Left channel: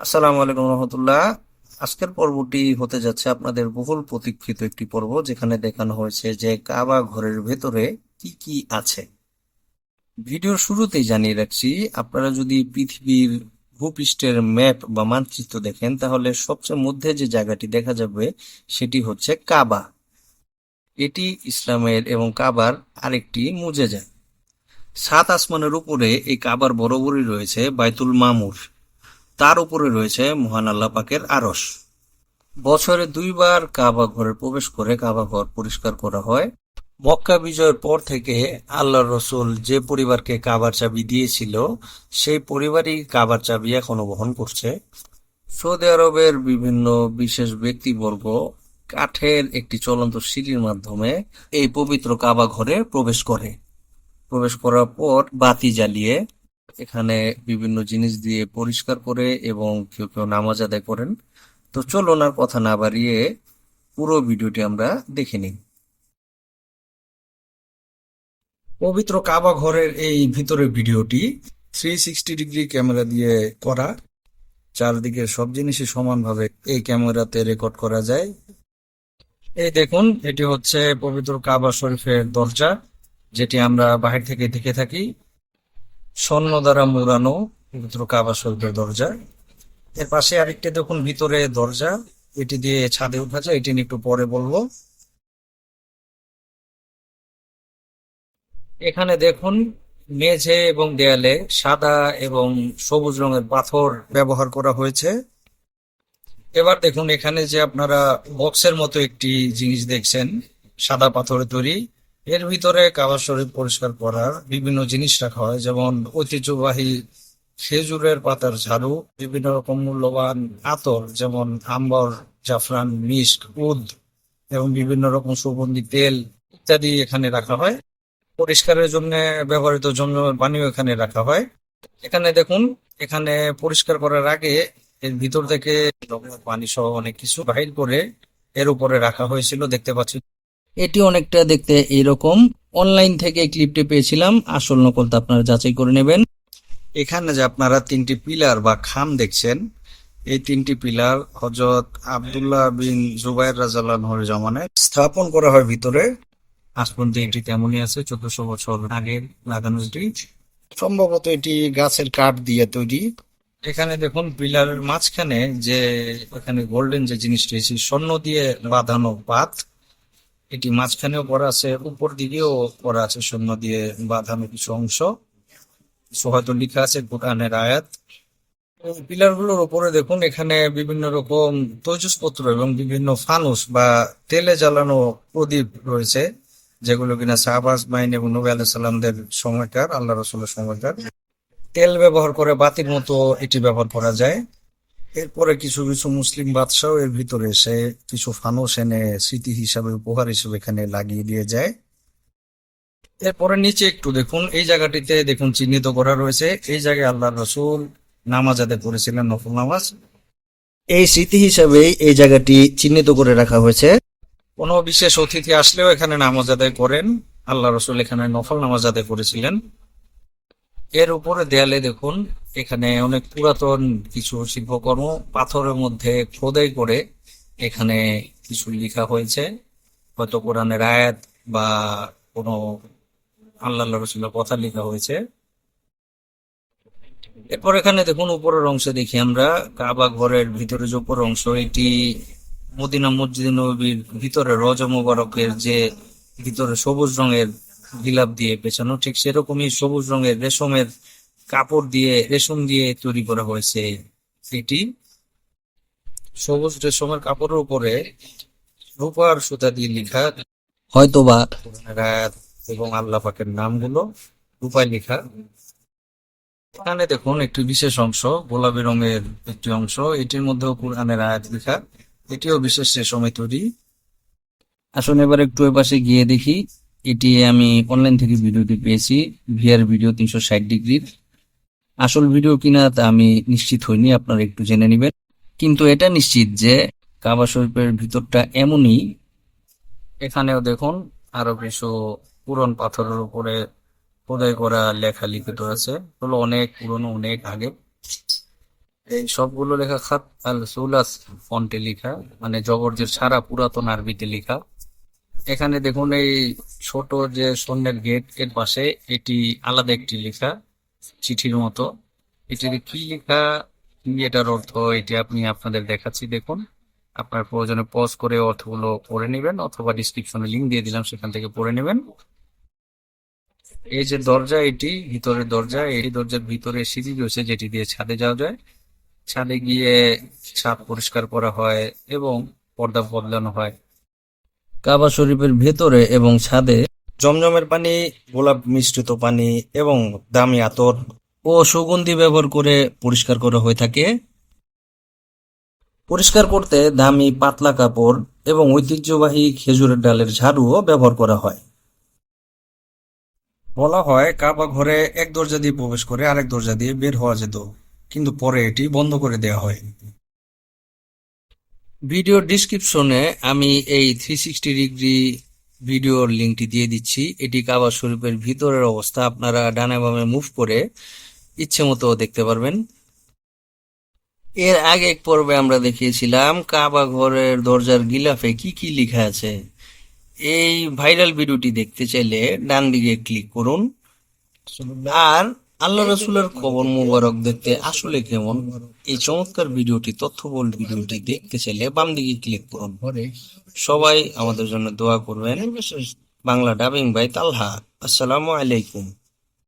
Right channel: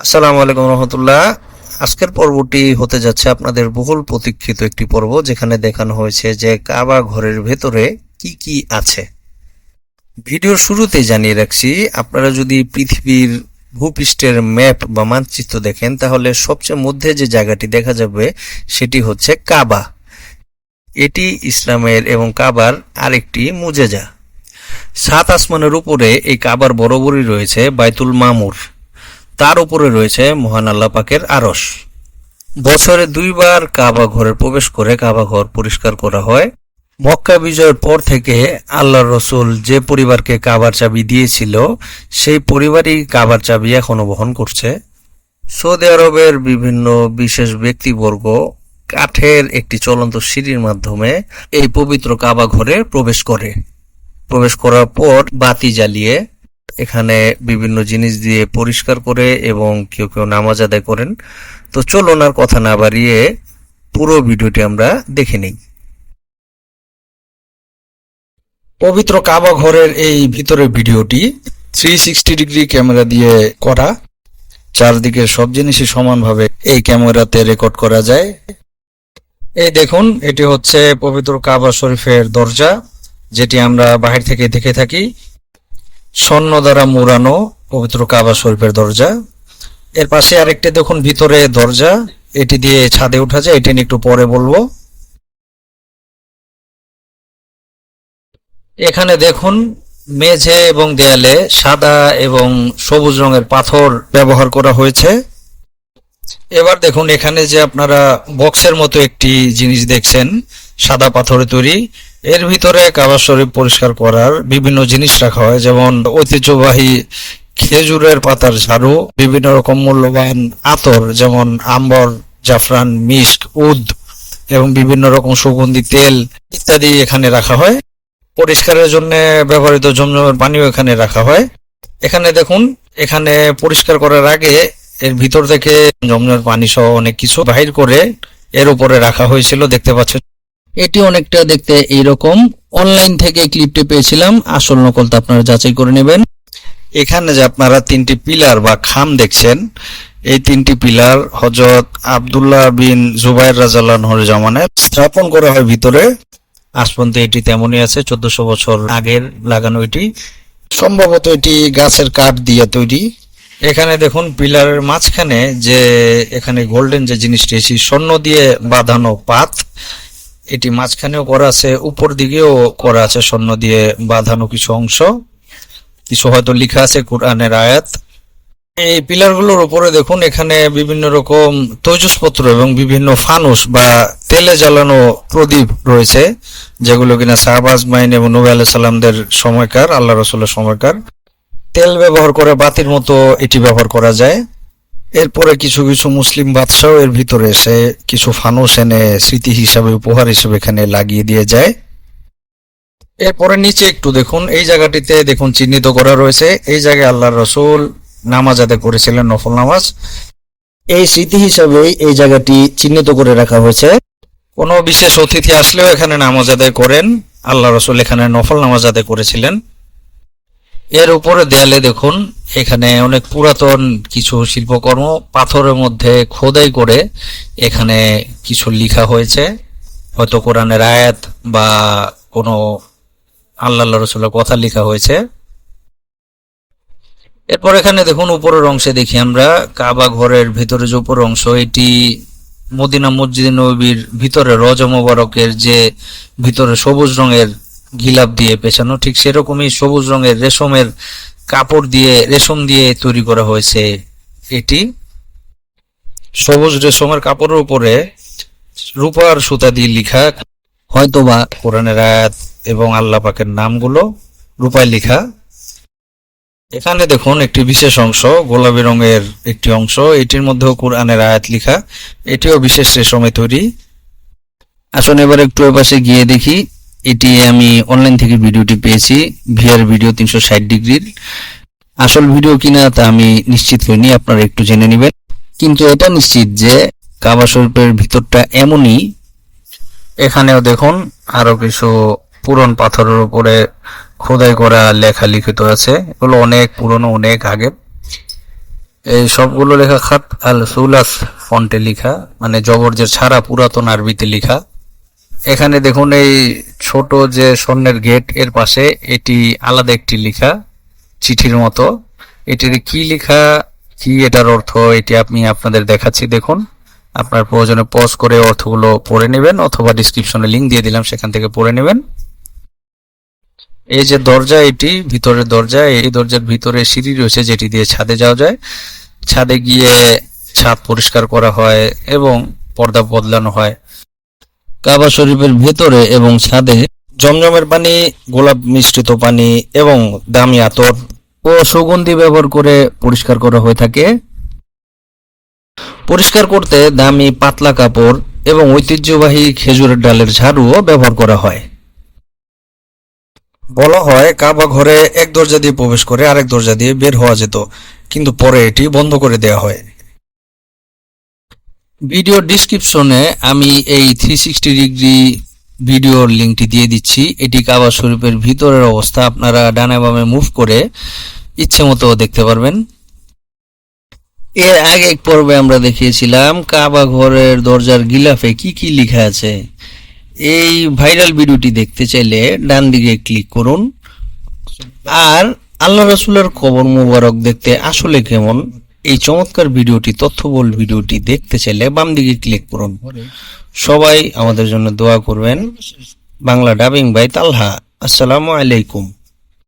আসসালামু আলাইকুম রহমতুল্লাহ। আজকের পর্বটি হতে যাচ্ছে আপনাদের বহুল প্রতীক্ষিত একটি পর্ব, যেখানে দেখানো হয়েছে যে কাবা ঘরের ভেতরে কি কি আছে। ভিডিওর শুরুতেই জানিয়ে রাখছি, আপনারা যদি পৃথিবীর ভূপৃষ্ঠের ম্যাপ বা মানচিত্র দেখেন, তাহলে সবচেয়ে মধ্যে যে জায়গাটি দেখা যাবে সেটি হচ্ছে কাবা। এটি ইসলামের এবং কাবার আরেকটি মুজেজা। সাত আসমানের উপরে এই কাবার বরাবরই রয়েছে বাইতুল মামুর, তার উপরে রয়েছে মহান আল্লাহ পাকের আরশ। বছরে দুইবার কাবা ঘরে প্রবেশ করে কাবা ঘর পরিষ্কার করা হয়। মক্কা বিজয়ের পর থেকে আল্লাহর রসুল যে পরিবারকে কাবার চাবি দিয়েছিল, সেই পরিবারই কাবার চাবি এখনো বহন করছে। সৌদি আরবের বিভিন্ন বিশেষ ব্যক্তিবর্গ কাঠের একটি চলন্ত সিঁড়ির মাধ্যমে এই পবিত্র কাবা ঘরে প্রবেশ করার পর বাতি জ্বালিয়ে এখানে বিভিন্ন জিনিস দিয়ে পরিষ্কার করে এবং কেউ কেউ নামাজ আদায় করেন। তো চলুন আর কথা না বাড়িয়ে পুরো ভিডিওটি আমরা দেখে নিই। পবিত্র কাবা ঘরের এই ভিতরের ভিডিওটি 360 ডিগ্রি ক্যামেরা দিয়ে করা। চারদিকে সব জিনিসই সমানভাবে এই ক্যামেরাতে রেকর্ড করা যায়। এই দেখুন, এটি হচ্ছে পবিত্র কাবা শরীফের দরজা, যেটি আমরা বাহির থেকে দেখে থাকি। স্বর্ণ দ্বারা মোড়ানো পবিত্র কাবা শরীফের দরজা। এর পাশে আরেকটি দেখুন ভিতরে দরজা, এটি দিয়ে ছাদে উঠা যায়, এটি নিয়ে একটু পরে বলবো। এখানে দেখুন মেঝে এবং দেয়ালে সাদা এবং সবুজ রঙের পাথর ব্যবহার করা হয়েছে। এবার দেখুন এখানে যে আপনারা বক্সের মতো একটি জিনিস দেখছেন, সাদা পাথরে তৈরি, এর ভিতরে কাবা শরীফ পরিষ্কার করার বিভিন্ন জিনিস রাখা হয়, যেমন ঐতিহ্যবাহী খেজুরের পাতার ঝাড়ু, বিভিন্ন রকম মূল্যবান আতর যেমন আম্বর, জাফরান, মিস্ক, উদ এবং বিভিন্ন রকম সুগন্ধি তেল ইত্যাদি এখানে রাখা হয়। পরিষ্কারের জন্য ব্যবহৃত জমজমের পানিও এখানে রাখা হয়। এখানে দেখুন, এখানে পরিষ্কার করার আগে এর ভিতর থেকে জমজমের পানি সহ অনেক কিছু বাহির করে এর উপরে রাখা হয়েছিল, দেখতে পাচ্ছেন। এটি অনেকটা দেখতে এইরকম। অনলাইন থেকে ক্লিপটি পেয়েছিলাম, আসল নকলটা আপনারা যাচাই করে নেবেন। এখানে যে আপনারা তিনটি পিলার বা খাম দেখছেন, এই তিনটি পিলার হযরত আব্দুল্লাহ বিন জুবাইর রাদিয়াল্লাহু আনহুর জামানায় স্থাপন করা হয় ভিতরে। আজ পর্যন্ত এটি তেমনই আছে, 1400 বছর আগের লাগানো এটি। সম্ভবত এটি গাছের কাঠ দিয়ে তৈরি। এখানে দেখুন পিলারের মাঝখানে যে এখানে গোল্ডেন যে জিনিসটি, স্বর্ণ দিয়ে বাঁধানো পাত, এটি মাঝখানেও করা আছে, উপর দিকেও করা আছে স্বর্ণ দিয়ে বাঁধানো কিছু অংশ। কিছু হয়তো লেখা আছে কোরআনের আয়াত। এই পিলারগুলোর উপরে দেখুন এখানে বিভিন্ন রকম তৈজসপত্র এবং বিভিন্ন ফানুস বা তেলে জ্বালানো প্রদীপ রয়েছে, যেগুলো কিনা সাহাবা আজমাইন এবং নবী আলাইহিস সালামদের সময়কার, আল্লাহ রাসূলের সময়কার। তেল ব্যবহার করে বাতির মতো এটি ব্যবহার করা যায়। এরপরে কিছু কিছু মুসলিম বাদশাহ এর ভিতরে এসে কিছু ফানুস এনে স্মৃতি হিসাবে, উপহার হিসেবে এখানে লাগিয়ে দিয়ে যায়। এরপরে নিচে একটু দেখুন, এই জায়গাটিতে দেখুন চিহ্নিত করা রয়েছে, এই জায়গায় আল্লাহর রাসূল নামাজ আদায় করেছিলেন, নফল নামাজ। এই স্মৃতি হিসাবেই এই জায়গাটি চিহ্নিত করে রাখা হয়েছে। কোনো বিশেষ অতিথি আসলেও এখানে নামাজ আদায় করেন। আল্লাহ রাসূল এখানে নফল নামাজ আদায় করেছিলেন। এর উপরে দেয়ালে দেখুন এখানে অনেক পুরাতন কিছু শিল্পকর্ম পাথরের মধ্যে খোদাই করে এখানে কিছু লেখা হয়েছে, হয়তো কোরআনের আয়াত বা কোনো আল্লাহ রাসূলের কথা লেখা হয়েছে। এরপর এখানে দেখুন উপরের অংশে দেখি আমরা কাবা ঘরের ভিতরে যে উপর অংশ, এটি মদিনা মসজিদে নববীর ভিতরে রওজা মোবারকের যে ভিতরে সবুজ রঙের গিলাপ দিয়ে পেঁচানো, ঠিক সেরকমই সবুজ রঙের রেশমের কাপড় দিয়ে, রেশম দিয়ে তৈরি করা হয়েছে। এটি সবুজ রেশমের কাপড়ের উপরে রূপার সুতা দিয়ে লেখা, হয়তোবা কোরআনের আয়াত এবং আল্লাহ পাকের নামগুলো রূপায় লেখা। এখানে দেখুন একটি বিশেষ অংশ, গোলাপি রঙের একটি অংশ, এটির মধ্যেও কোরআনের আয়াত লেখা, এটিও বিশেষ রেশমে তৈরি। আসুন এবার একটু এ পাশে গিয়ে দেখি। এটি আমি অনলাইন থেকে ভিডিওটি পেয়েছি, ভিআর ভিডিও 360 ডিগ্রির। আসল ভিডিও কিনা তা আমি নিশ্চিত হইনি, আপনারা একটু জেনে নেবেন। কিন্তু এটা নিশ্চিত যে কাবা শরীফের ভিতরটা এমনই। এখানেও দেখুন আরো কিছু পুরন পাথরের উপরে খোদাই করা লেখা লিখিত আছে, এগুলো অনেক পুরনো, অনেক আগে। এই সবগুলো লেখা খাত আল সুলাস ফন্টে লেখা, মানে জবরজের ছাড়া পুরাতন আরবিতে লেখা। এখানে দেখুন এই ছোট যে স্বর্ণের গেট এর পাশে এটি আলাদা একটি লেখা চিঠির মতো। এটির কি লেখা, কি এটার অর্থ, এটি আমি আপনাদের দেখাচ্ছি। দেখুন, আপনার প্রয়োজনে পজ করে অর্থগুলো পড়ে নেবেন, অথবা ডিসক্রিপশনে লিংক দিয়ে দিলাম, সেখান থেকে পড়ে নেবেন। এই যে দরজা, এটি ভিতরের দরজা। এই দরজার ভিতরে সিঁড়ি রয়েছে যেটি দিয়ে ছাদে যাওয়া যায়। ছাদে গিয়ে ছাদ পরিষ্কার করা হয় এবং পর্দা বদলানো হয়। কাবা শরীফের ভেতরে এবং ছাদে জমজমের পানি, গোলাপ মিশ্রিত পানি এবং দামি আতর ও সুগন্ধি ব্যবহার করে পরিষ্কার করা হয়ে থাকে। পরিষ্কার করতে দামি পাতলা কাপড় এবং ঐতিহ্যবাহী খেজুরের ডালের ঝাড়ুও ব্যবহার করা হয়। বলা হয় কাবা ঘরে এক দরজা দিয়ে প্রবেশ করে আরেক দরজা দিয়ে বের হওয়া যেত, কিন্তু পরে এটি বন্ধ করে দেওয়া হয়। ভিডিও ডিসক্রিপশনে আমি এই 360 ডিগ্রি ভিডিওর লিঙ্কটি দিয়ে দিচ্ছি। এটি কাবা শরীফের ভিতরের অবস্থা, আপনারা ডানে বামে মুভ করে ইচ্ছে মতো দেখতে পারবেন। এর আগে এক পর্বে আমরা দেখিয়েছিলাম কাবা ঘরের দরজার গিলাফে কি কি লেখা আছে। এই ভাইরাল ভিডিওটি দেখতে চাইলে ডান দিকে ক্লিক করুন। আর আল্লাহ রাসূলের কবর মোবারক দেখতে আসলে কেমন, এই চমৎকার ভিডিওটি, তথ্যবহুল ভিডিওটি দেখতে চাইলে বাম দিকে ক্লিক করুন। সবাই আমাদের জন্য দোয়া করবেন। বাংলা ডাবিং বাই তালহা। আসসালামু আলাইকুম।